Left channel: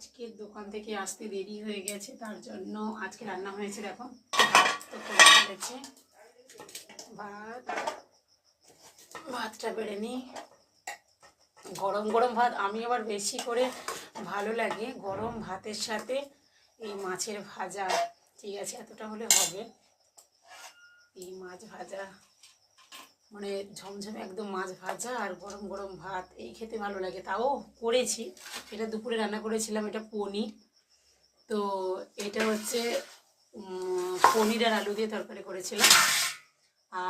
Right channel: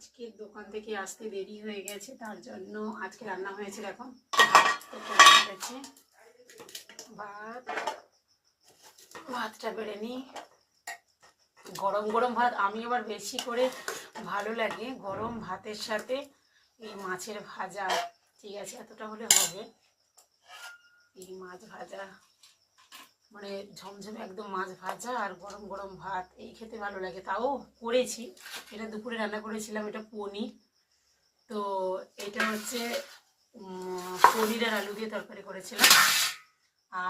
আজকে দোকান থেকে আসতে দেরি হয়ে গেছে, তার জন্য আজকে রান্না হয়েছে। দেখো ভাত তো করে ফেলেছি, ভাতটা বেড়ে নিই। গরম গরম ভাত আমি আবার বেশি করে ভালো লাগে গরম ভাতের সাথে এই মাছের ভাজা। ঠিক আছে, এতটা হলে হবে। এই মাছ ভাজা মানে ঝমঝমে একদম মাছ ভাজা আর গরম গরম ভাত, এই খেতে ভালো লাগে। তাও করেছি, এটা দুপুরে রান্না করেছিলাম। এটা পনির, তো এটা হচ্ছে পনির আর আলু দিয়ে তরকারি করেছিলাম।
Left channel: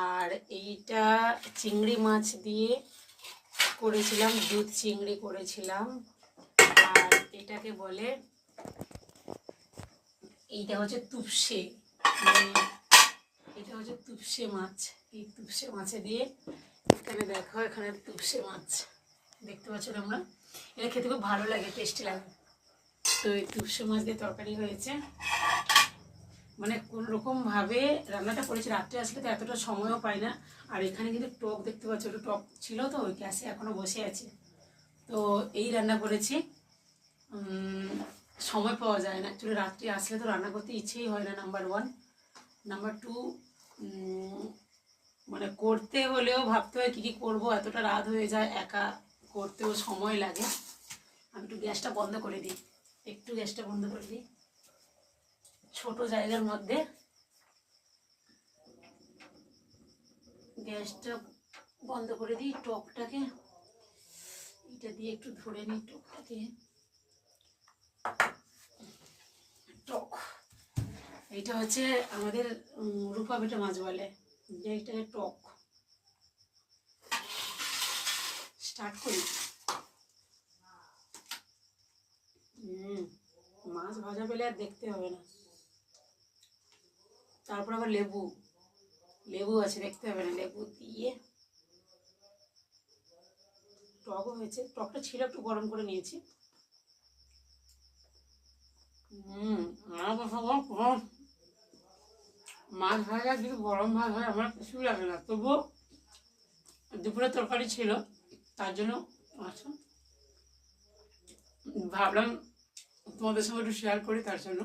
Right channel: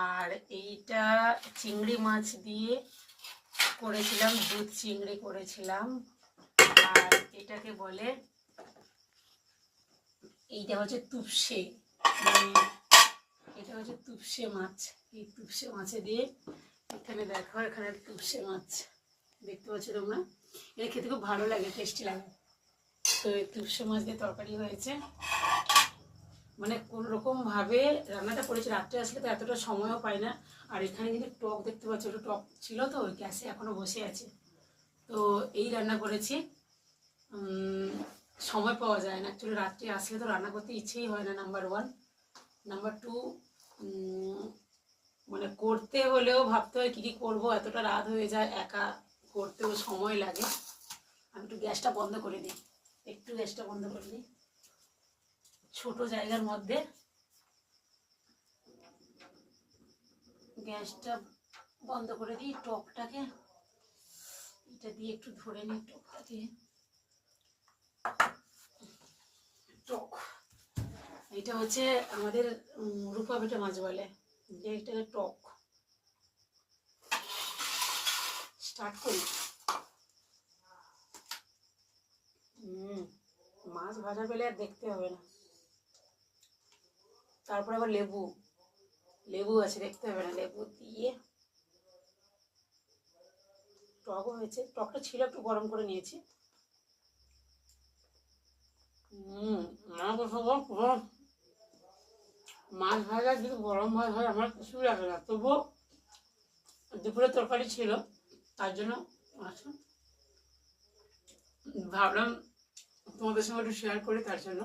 আর এইটা চিংড়ি মাছ দিয়ে করেছিলাম, দুধ চিংড়ি করেছিলাম। আর এটাকে বলে, এইটা হচ্ছে তুপসে, মানে এটা হচ্ছে তুপসে মাছ। এই তুপসে মাছে দিয়ে, এখানে দেখো, এখানে তুপসে মাছ দেখতে পাচ্ছ তোমরা। এটা খেতে খুব ভালো লাগে, টেস্টি লাগে। তো এই তুপসে মাছ দিয়ে তরকারি হয়েছে। মানে কোন রকমভাবে রান্নাটা করেছি, রাত্রে আসলে তো এতটা সময়ও পাই না। আর এখানে কিন্তু টক দেখতে পাচ্ছ, একটু টক ছিল তো ওই গ্যাসে এখনও বসে আছে। তো এই রান্না করেছি, সময় পাওয়া যায় না অ্যাকচুয়ালি। রাত্রে আসলে তো রান্না করতে ইচ্ছেই হয় না, নাম্বার 1। নাম্বার 2, মানে করতে হলেও ভাবতে হয় কী কী করবো, এতটা রাত হয়ে যায়, একা করতেও সময় লাগে। আমি একটু গ্যাসটা বন্ধ করে দিই, একটু গ্যাসটা বন্ধ করে দিই। ছোট জায়গার মধ্যে গ্যাসটা বন্ধ করে দিই। টকটাকে এটা দিয়ে একটু ধরে নিই, টকটাকে। টক এইটা হচ্ছে আমাদের রূপা বেটা মাছ বলে, যে এটাকে টক। স্টার্ট করি। মাছ ভাজা পেলে আর দেখতে হবে না। তারপর আবার লেবু আছে, দেখতে হবে না। লেবু দিয়ে টকও হয়েছে, টকটা ছিল একটু গরম করে নিয়েছি। মাছ ভাজা যদি গরম ভাত হয় আমার কিছু লাগে না, তবুও দুপুরে তরকারি ছিল, তার জন্য ভাবলাম তোমাদের সঙ্গে একটু শেয়ার করি, তার জন্য।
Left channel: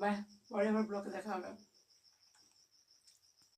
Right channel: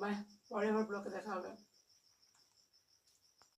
বাই, পরে আমার ব্লগে দেখা হবে।